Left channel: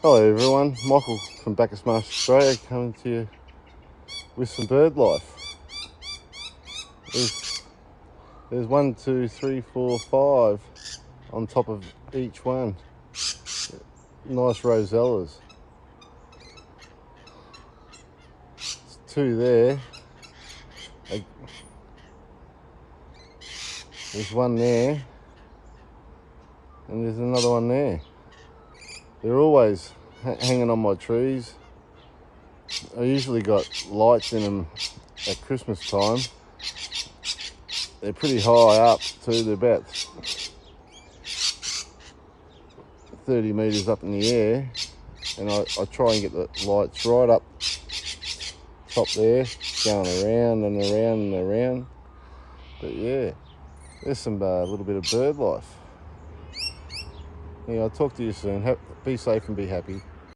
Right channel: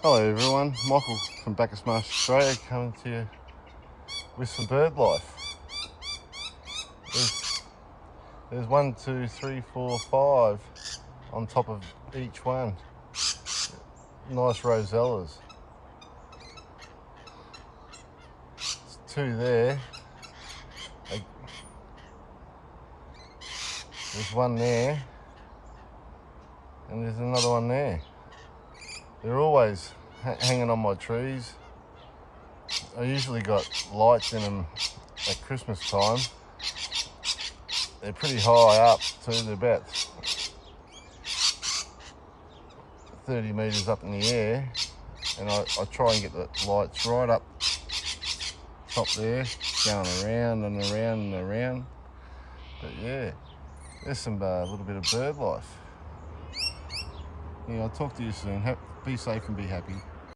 Hello everyone, Michael from Bacchus Marsh Australia coming to you with some bird life. There's 1, 2, 3, 4, 5 on top of each one. Nice rosellas. There's 2 there. There's 1 there. And there's another one there. They're always hanging on my trees. I usually got lights in them at Christmas time. They're pretty high up too. They're about 30 metres up in the air, and I try and get the lights right up top there, going around and around and around. But yeah, there's some little bit of bird life. Yeah, I'll talk to you soon. Be safe and be happy.